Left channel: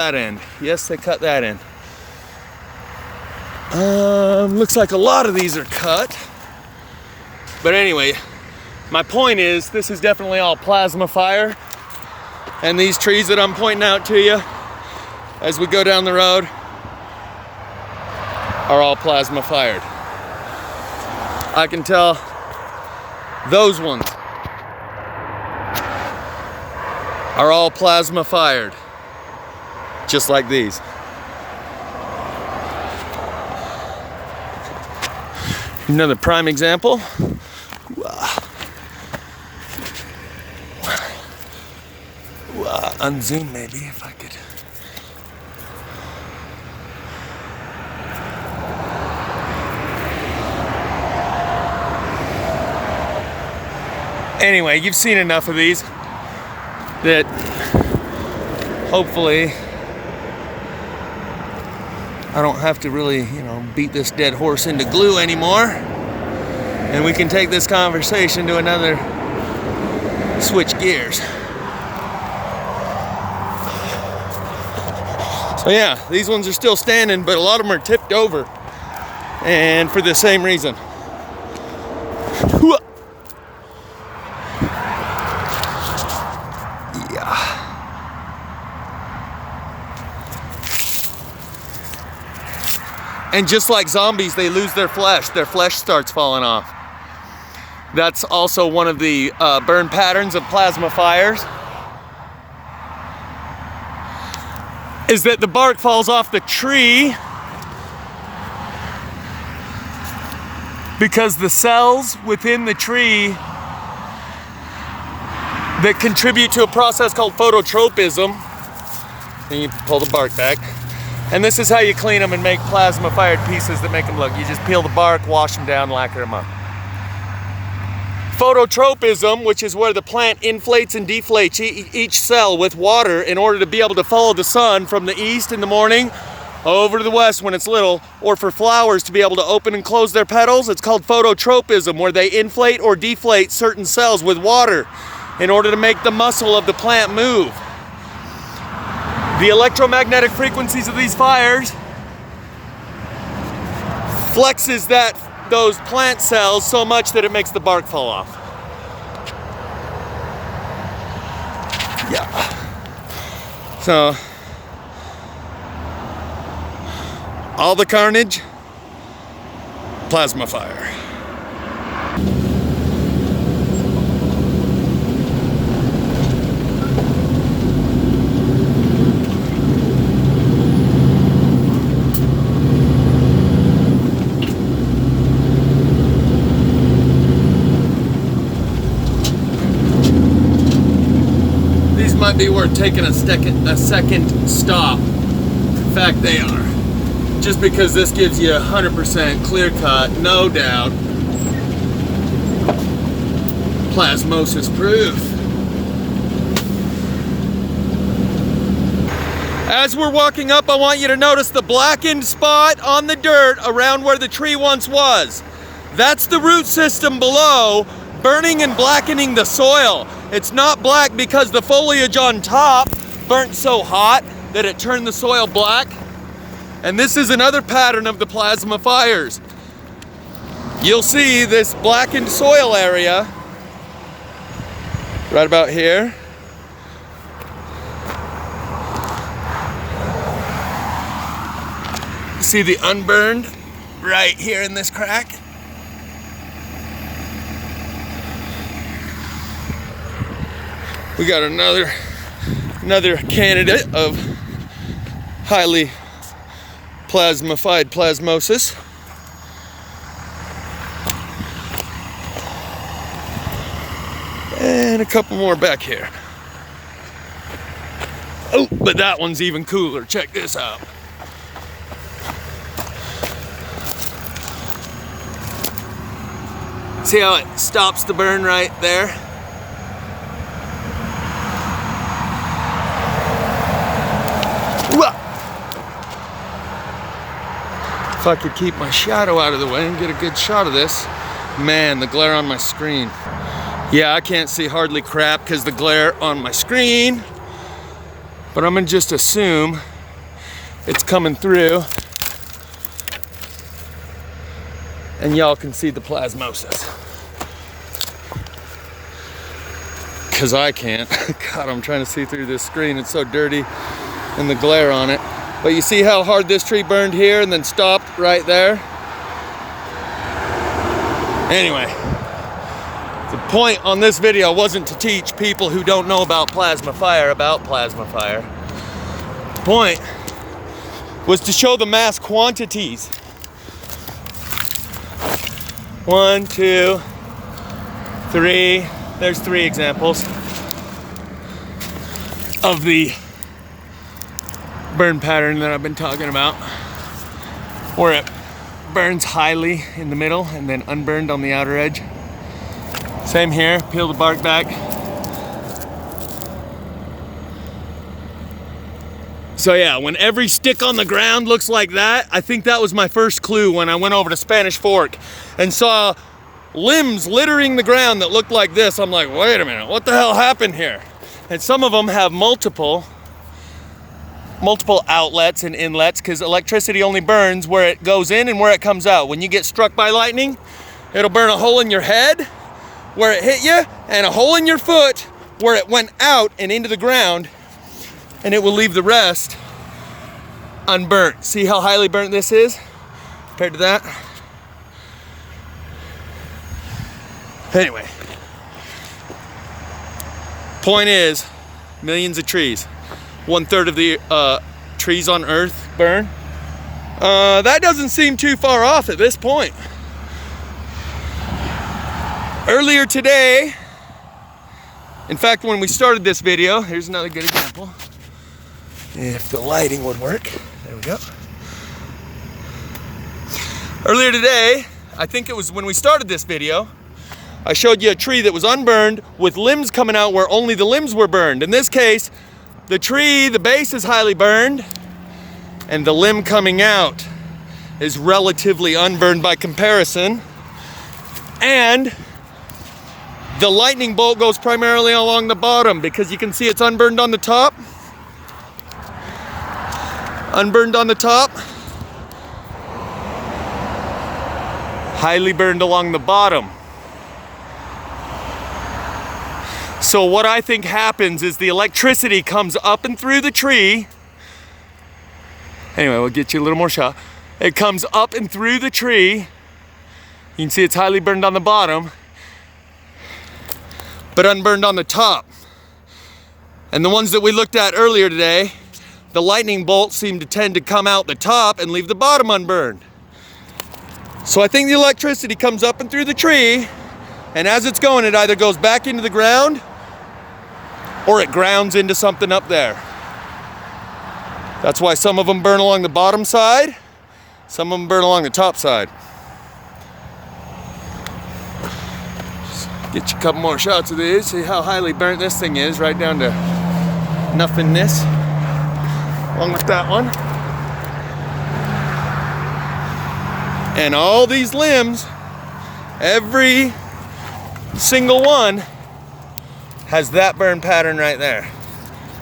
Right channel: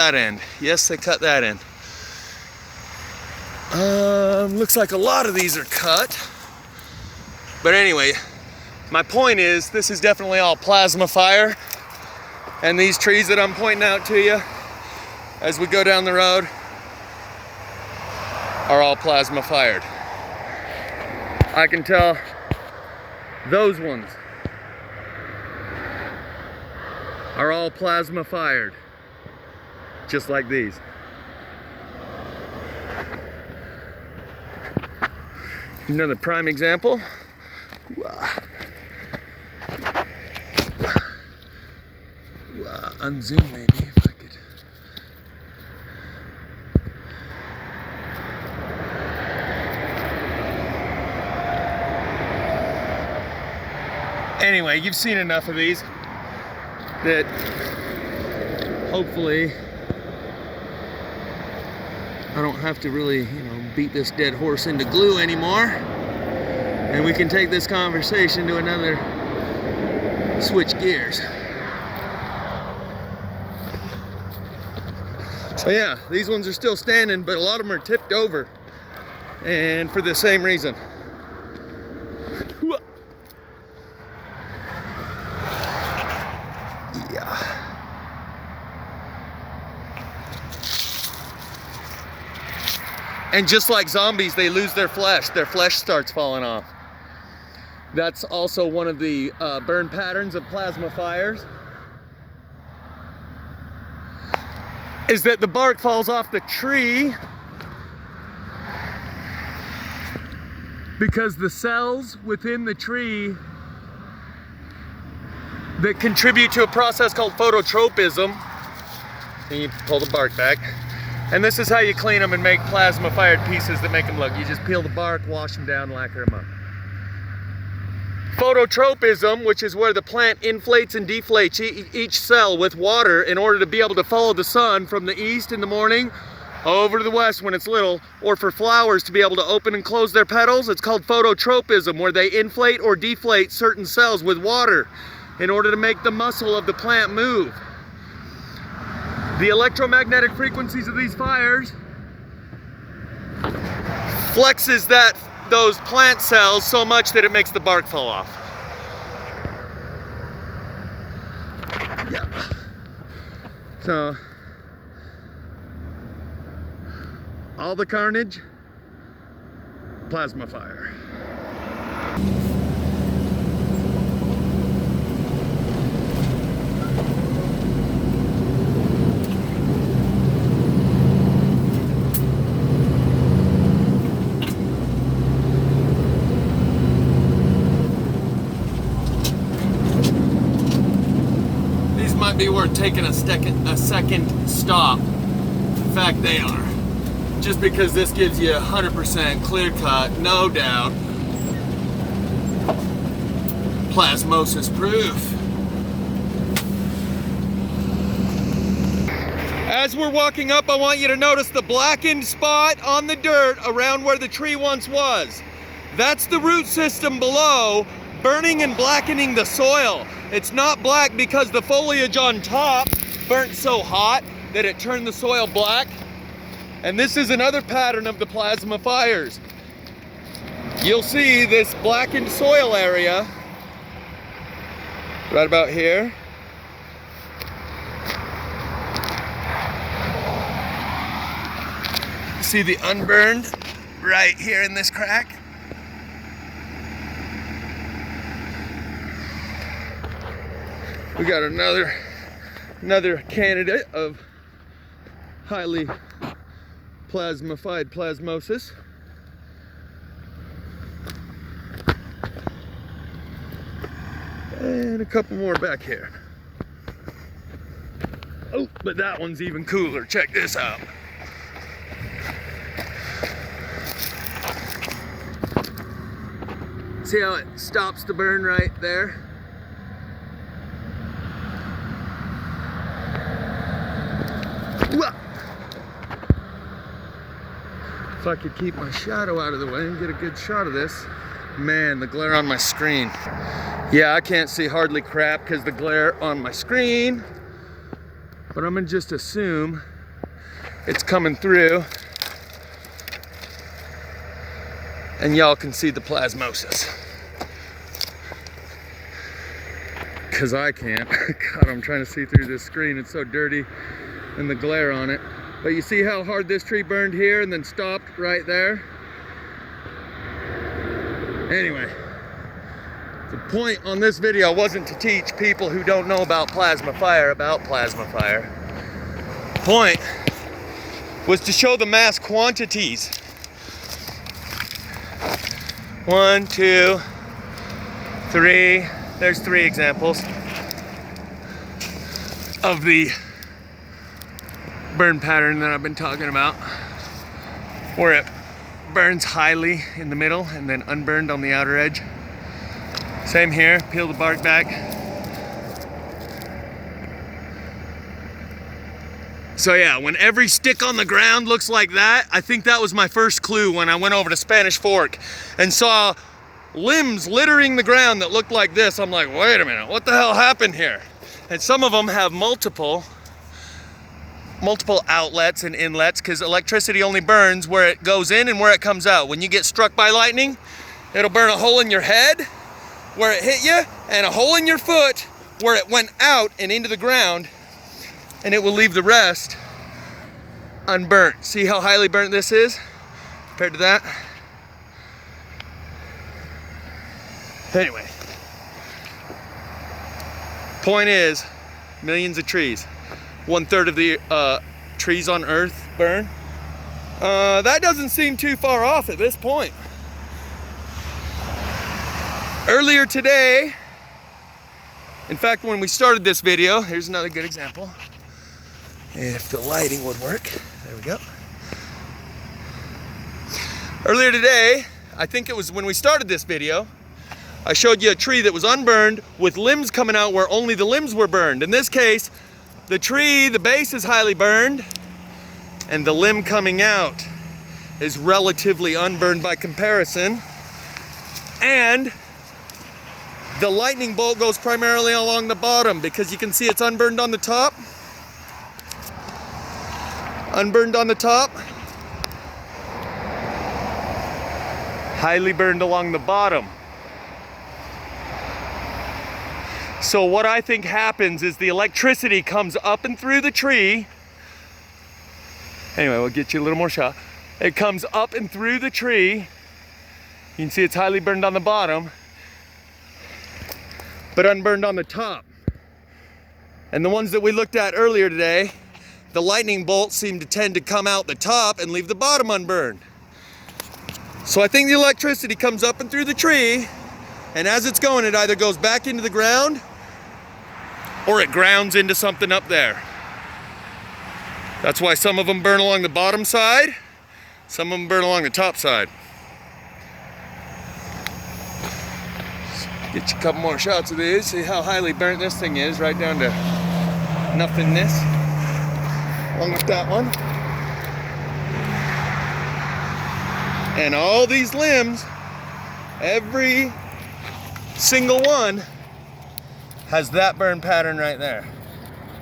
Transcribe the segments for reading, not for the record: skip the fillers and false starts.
that end. Yes, they cut that end. Looks like a lot of these are cut. But anyway, my point is, this is definitely all plasma fire. And these trees that I'm pointing out to you as we go down the road are all plasma fired. I can tell those ones are all plasma fired, just like these. Another prime example. Unzoom maybe if I could. Anyway, you've seen enough of these that hopefully I don't have to really, beat this dead horse into glue anymore. And we can take this conversation to another, switch gears. So yeah, these ones are still standing, but a lot of them are tipped over. And for the same reason. Yeah. And just like zombies, they lose their flesh. Their flesh starts falling off. That's also one of the burn patterns of plasma fires. Is that the bark falls off the tree because the cells within the tree that contribute to a process called phototropism, and you pull the bark back, and this is how you clean them and make plasma fired pieces that make them look. You just peel the bark, wash them down, lacquer them up. Phototropism, which is where the plant inflates and deflates each cell with water in order to be able to follow the sun from the east in the morning over to the west when it's little, or for flowers to be able to open and close their petals. It's called phototropism, where they inflate or deflate certain cells with water in order to make the muscle of the plant move. The electromagnetic frequencies of these fires flexes those plant cells so much that it makes the bark fall off. Yeah. So, all the carnage, plasma fire. Might be worth taking a second stop. In fact, they are. Just because this gives you 100% clear cut, no doubt, plasmosis proof. As we're walking up, I want you to notice the blackened spot on the dirt around where the tree once was. That's the root system below, burning and blackening the soil. It's not black because the foliage on top burnt so hot that it turned the soil black. And this is another pattern of the plasma fires. You'll see this blackened soil area right about here. See the unburned right here in this crack? We got another candidate of highly plasmified plasmosis. And a couple more back here. Oh, but that one's even cooler. Check this out. See how it stops the burn right there? If I could keep my shadow out of the way and get a good shot of this. Man, the glare on my screen. Yeah, I can't see hardly crap because the glare on my screen. But I'm gonna just assume it's coming through. And y'all can see the plasmosis. Because I can't. God, I'm trying to see through this screen. It's so dirty and the glare on it. But you see how hard this tree burned here and then stopped right there? Anyway, the point on this video wasn't to teach people who don't know about plasma fire about plasma fire. The point was to show the mass quantities. 1, 2, 3. There's 3 examples of the burn pattern that I've been talking about, where it burns highly in the middle and then unburned on the outer edge. Same here, peel the bark back. So yeah, when every stick on the ground looks like that, I think that was my first clue when I went over to Spanish Fork and saw limbs littering the ground that looked like this. I'm like, wait a minute, what the hell happened here? And some of them have multiple outlets and inlets, because electricity only burns where it goes in and where it comes out. When you get struck by lightning, it'll burn a hole in your head where it hit you, and a hole in your foot where it went out and into the ground, and it will leave the rest unburnt. See how highly burnt this is compared to that? Anyway, point is, millions of trees. 1/3 of the trees on Earth burn. That doesn't seem too far off at this point. Earlier today, in fact, when we started this video, here's another good example. If the lighting would work, there we go. Earlier today, I think it was when we started this video, I showed you a tree that was unburned with limbs coming out where only the limbs were burned. In this case, the tree, the base is highly burned, and the limb coming out is relatively unburned by comparison. And the lightning bolt goes primarily along the bottom, because you can see it's unburned on the top. Unburned on the top. Highly burned along the bottom. So what I think happens is the electricity comes up and through the tree. Anyway, we'll get you a little more shot. It comes up and through the tree. You can see it's highly burned on the bottom, but unburned on the top. And the ones that we looked at earlier today, the lightning bolts seem to tend to come out the top and leave the bottom unburned. So I think the electricity comes up and through the tree, and as it's going, it either goes back into the ground or it grounds into something up there. That's why some of them burn along the bottom side, some of them burn along the top side. Get you a couple more shots of these, see how highly burnt this thing is, right down to nothingness, along with that one. And all these limbs, every single one has that burn pattern right there.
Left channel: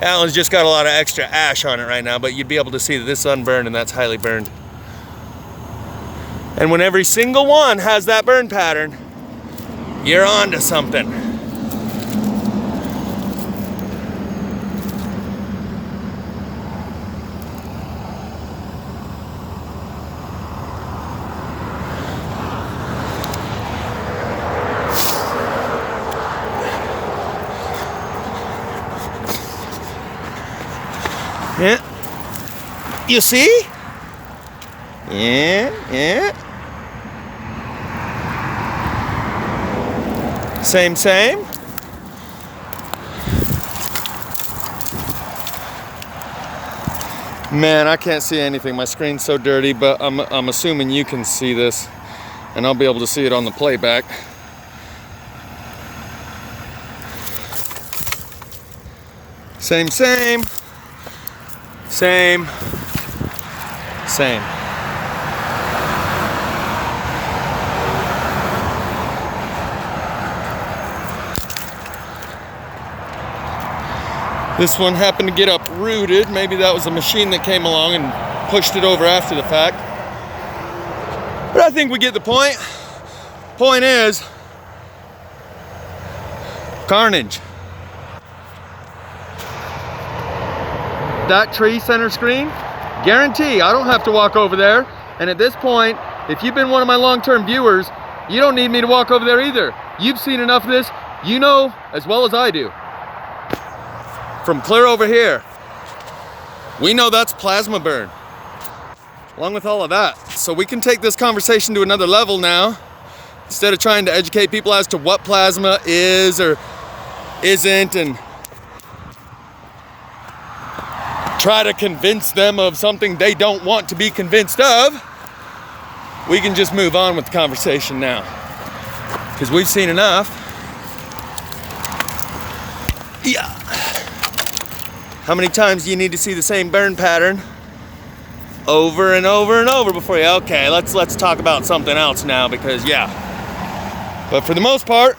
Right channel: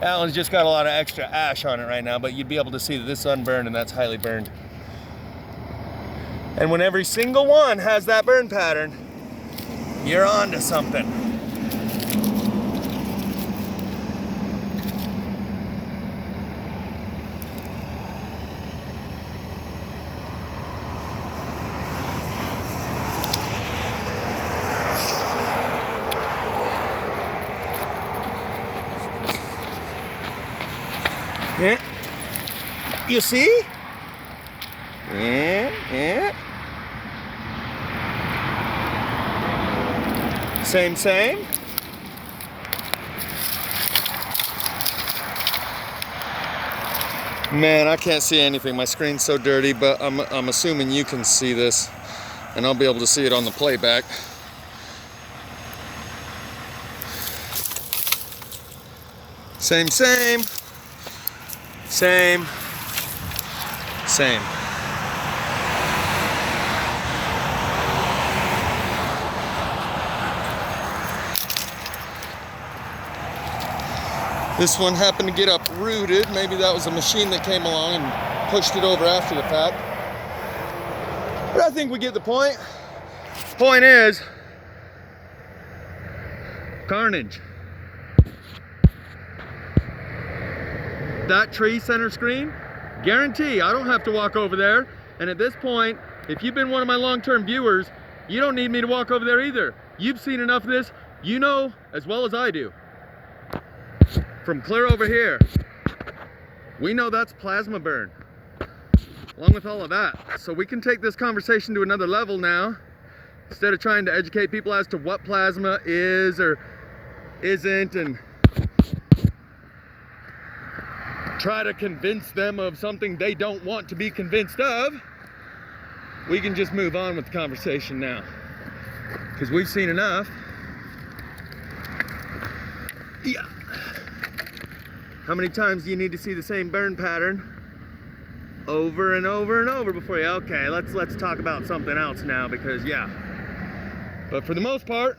That one's just got a lot of extra ash on it right now, but you'd be able to see that this is unburned and that's highly burned. And when every single one has that burn pattern, you're on to something. Yeah. You see? Yeah. Same. Man, I can't see anything. My screen's so dirty, but I'm assuming you can see this, and I'll be able to see it on the playback. Same. This one happened to get uprooted. Maybe that was a machine that came along and pushed it over after the fact. But I think we get the point. Point is, carnage. That tree center screen, guarantee I don't have to walk over there. And at this point, if you've been one of my long-term viewers, you don't need me to walk over there either. You've seen enough of this. You know as well as I do. From clear over here, we know that's plasma burn, along with all of that. So we can take this conversation to another level now. Instead of trying to educate people as to what plasma is or isn't and try to convince them of something they don't want to be convinced of, we can just move on with the conversation now. Because we've seen enough. Yeah. How many times do you need to see the same burn pattern over and over and over before you, okay, let's talk about something else now, because yeah. But for the most part,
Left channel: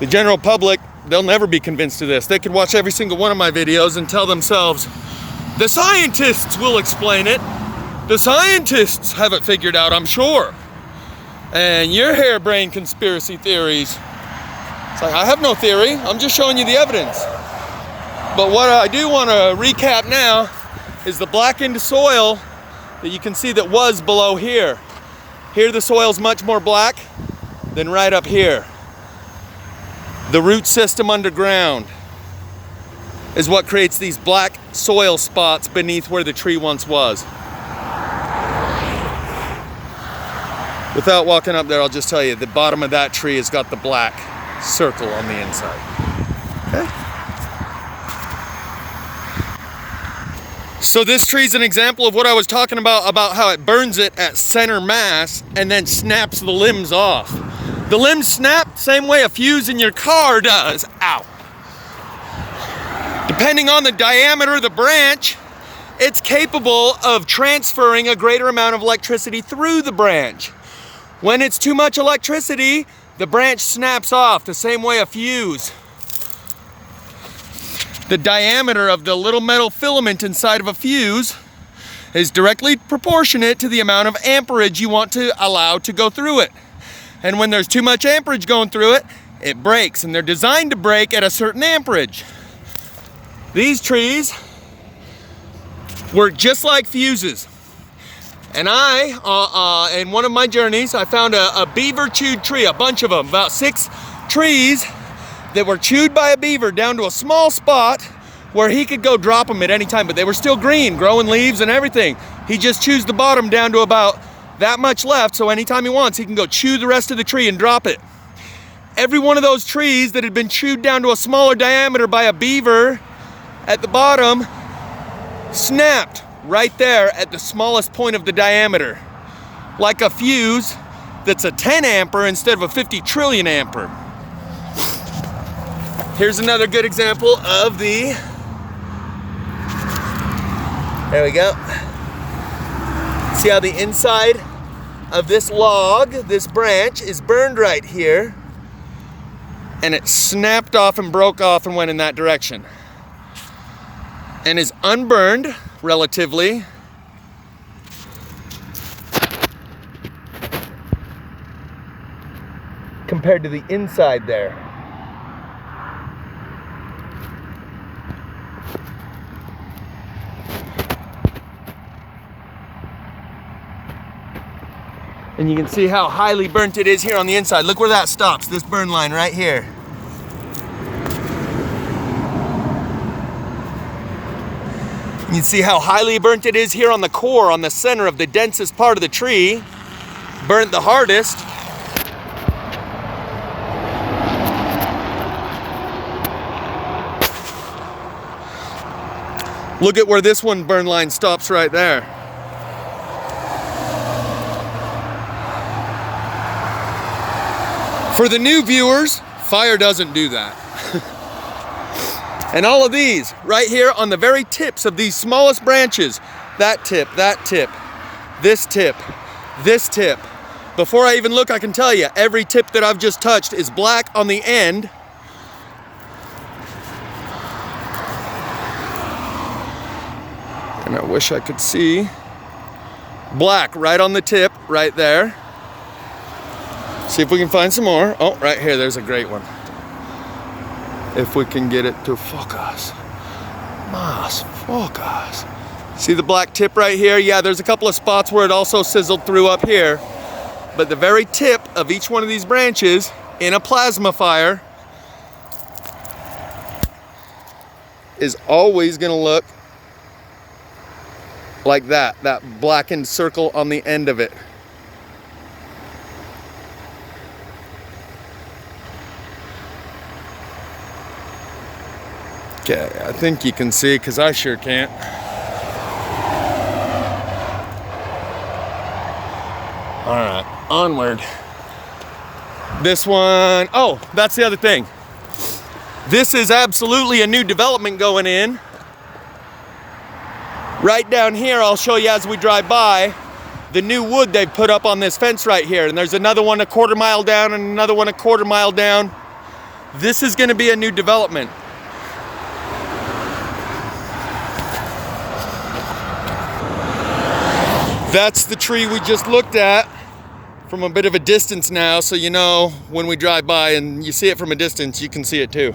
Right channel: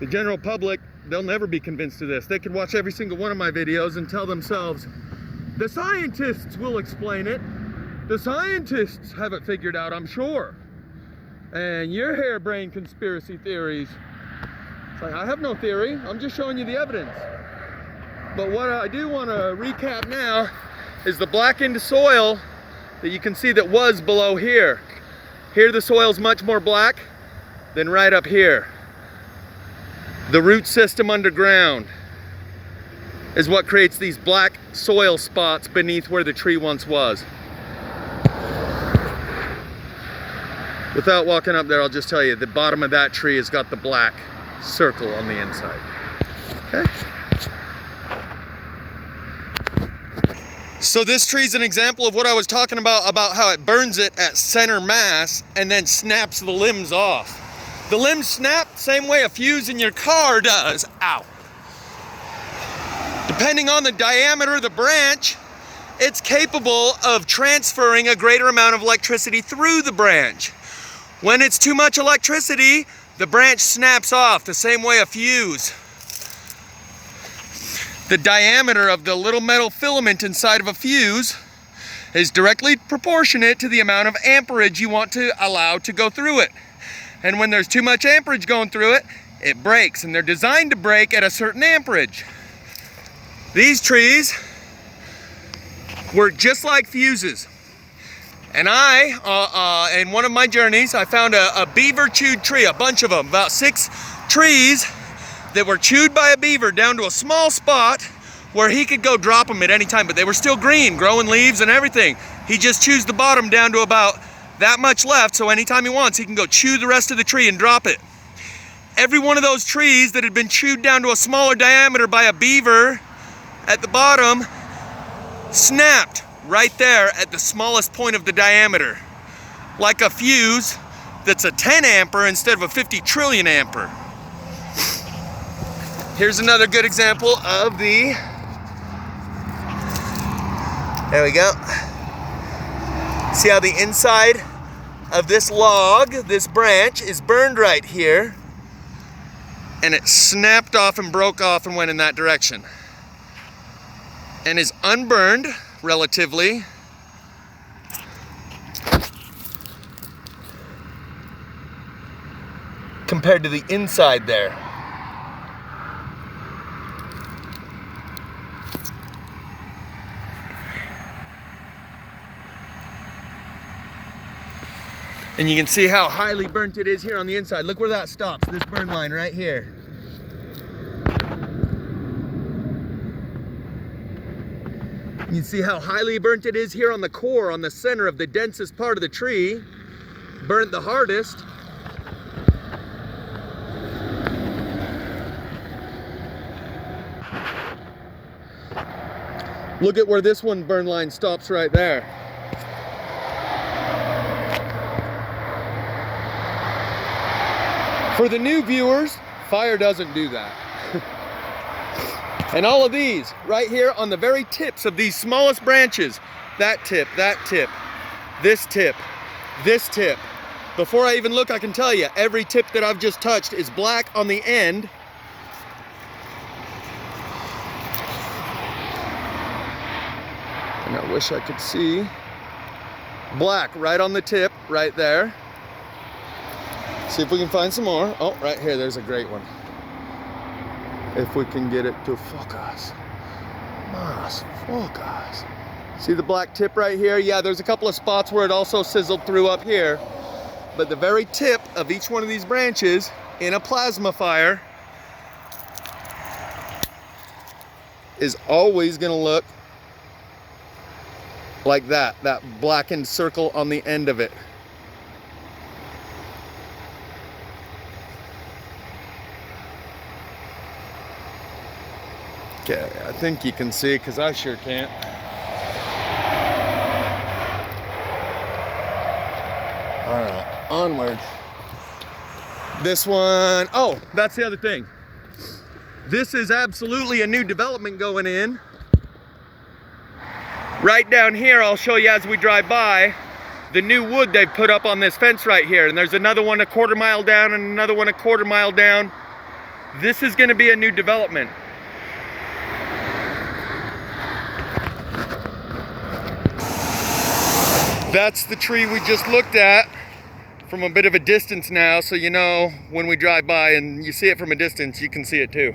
the general public, they'll never be convinced of this. They could watch every single one of my videos and tell themselves, the scientists will explain it. The scientists have it figured out, I'm sure. And your harebrained conspiracy theories. It's like, I have no theory. I'm just showing you the evidence. But what I do want to recap now is the blackened soil that you can see that was below here. Here the soil's much more black than right up here. The root system underground is what creates these black soil spots beneath where the tree once was. Without walking up there, I'll just tell you, the bottom of that tree has got the black circle on the inside. Okay? So this tree's an example of what I was talking about how it burns it at center mass and then snaps the limbs off. The limbs snap same way a fuse in your car does. Ow. Depending on the diameter of the branch, it's capable of transferring a greater amount of electricity through the branch. When it's too much electricity, the branch snaps off the same way a fuse. The diameter of the little metal filament inside of a fuse is directly proportionate to the amount of amperage you want to allow to go through it. And when there's too much amperage going through it, it breaks, and they're designed to break at a certain amperage. These trees work just like fuses. And in one of my journeys, I found a beaver chewed tree, a bunch of them, about 6 trees that were chewed by a beaver down to a small spot where he could go drop them at any time, but they were still green, growing leaves and everything. He just chews the bottom down to about that much left, so anytime he wants, he can go chew the rest of the tree and drop it. Every one of those trees that had been chewed down to a smaller diameter by a beaver at the bottom snapped right there at the smallest point of the diameter, like a fuse that's a 10 ampere instead of a 50 trillion ampere. Here's another good example of the, there we go. See how the inside of this log, this branch, is burned right here, and it snapped off and broke off and went in that direction, and is unburned relatively. Compared to the inside there. And you can see how highly burnt it is here on the inside. Look where that stops, this burn line right here. You can see how highly burnt it is here on the core, on the center of the densest part of the tree. Burnt the hardest. Look at where this one burn line stops right there. For the new viewers, fire doesn't do that. And all of these, right here on the very tips of these smallest branches, that tip, this tip, this tip. Before I even look, I can tell you, every tip that I've just touched is black on the end. And I wish I could see. Black right on the tip, right there. See if we can find some more. Oh, right here, there's a great one. If we can get it to focus. Mas focus. See the black tip right here? Yeah, there's a couple of spots where it also sizzled through up here. But the very tip of each one of these branches in a plasma fire is always gonna look like that blackened circle on the end of it. Okay, I think you can see, because I sure can't. All right, onward. This one, oh, that's the other thing. This is absolutely a new development going in. Right down here, I'll show you as we drive by, the new wood they've put up on this fence right here. And there's another one a quarter mile down and another one a quarter mile down. This is gonna be a new development. That's the tree we just looked at from a bit of a distance now, so you know when we drive by and you see it from a distance, you can see it too.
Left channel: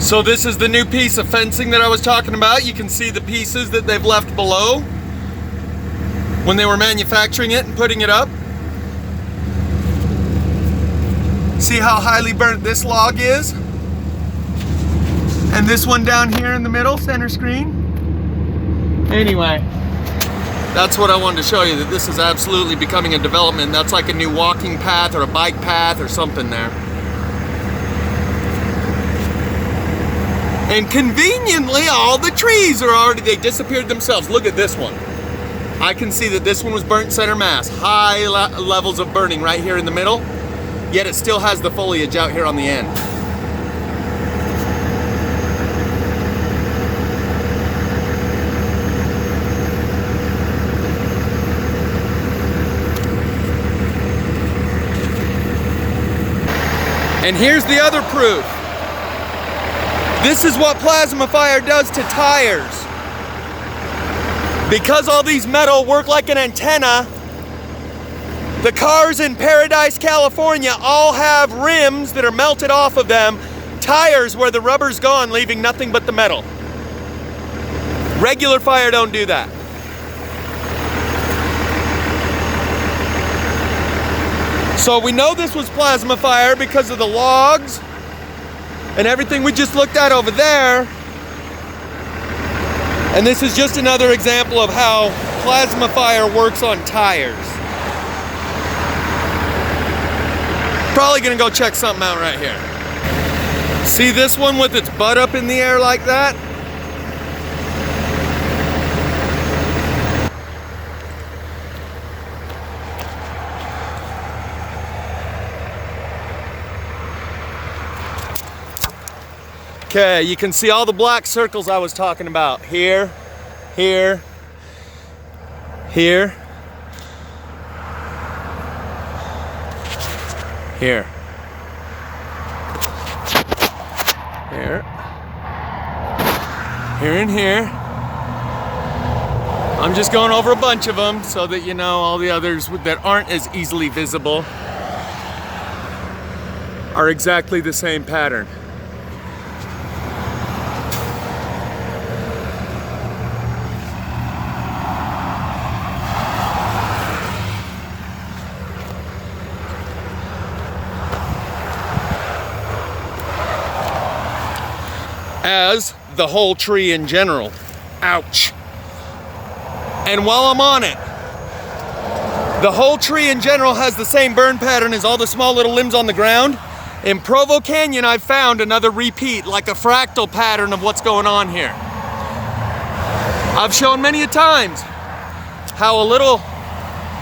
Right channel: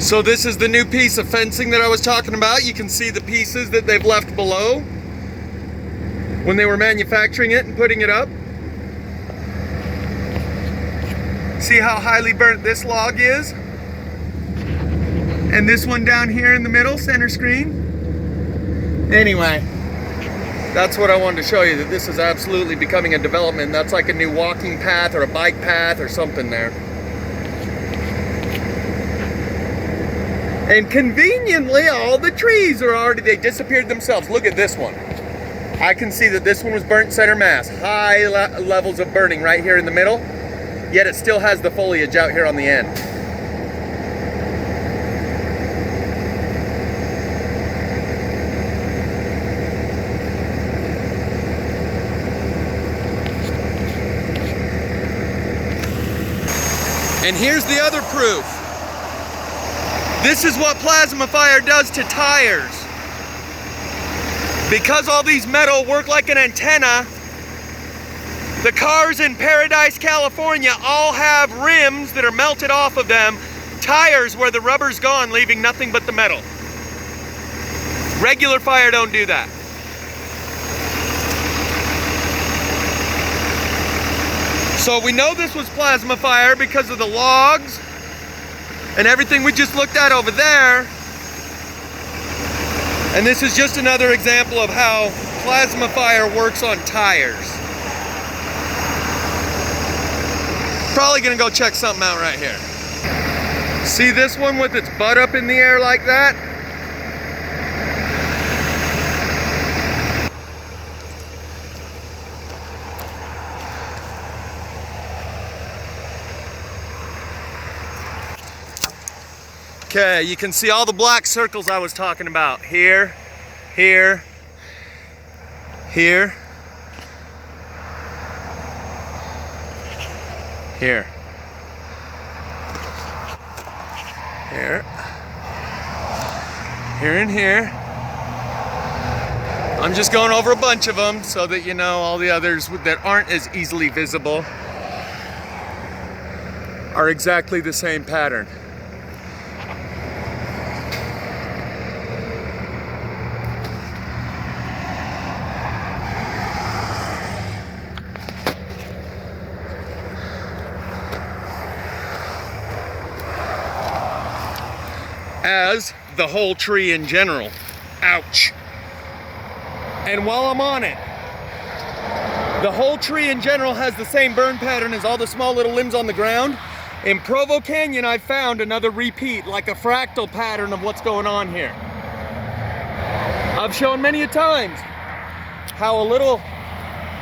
So this is the new piece of fencing that I was talking about. You can see the pieces that they've left below when they were manufacturing it and putting it up. See how highly burnt this log is? And this one down here in the middle, center screen. Anyway, that's what I wanted to show you, that this is absolutely becoming a development. That's like a new walking path or a bike path or something there. And conveniently, all the trees are already, they disappeared themselves. Look at this one. I can see that this one was burnt center mass. High levels of burning right here in the middle, yet it still has the foliage out here on the end. And here's the other proof. This is what plasma fire does to tires. Because all these metal work like an antenna, the cars in Paradise, California all have rims that are melted off of them, tires where the rubber's gone, leaving nothing but the metal. Regular fire don't do that. So we know this was plasma fire because of the logs and everything we just looked at over there. And this is just another example of how plasma fire works on tires. Probably gonna go check something out right here. See this one with its butt up in the air like that? Okay, you can see all the black circles I was talking about. Here, here, here, here, here, here and here. I'm just going over a bunch of them so that you know all the others that aren't as easily visible are exactly the same pattern. As the whole tree in general. Ouch. And while I'm on it, the whole tree in general has the same burn pattern as all the small little limbs on the ground. In Provo Canyon, I've found another repeat, like a fractal pattern of what's going on here. I've shown many a times how a little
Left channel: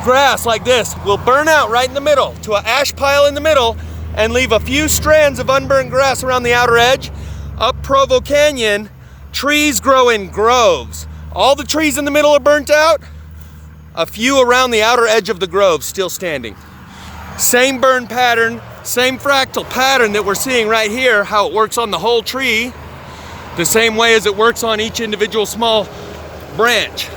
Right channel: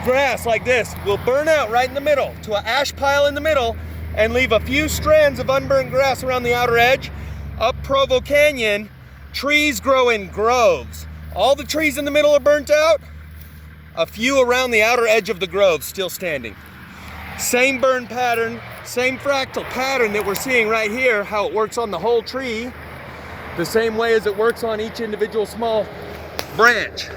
grass like this will burn out right in the middle to an ash pile in the middle and leave a few strands of unburned grass around the outer edge. Up Provo Canyon, trees grow in groves. All the trees in the middle are burnt out. A few around the outer edge of the grove still standing. Same burn pattern, same fractal pattern that we're seeing right here, how it works on the whole tree. the same way as it works on each individual small branch.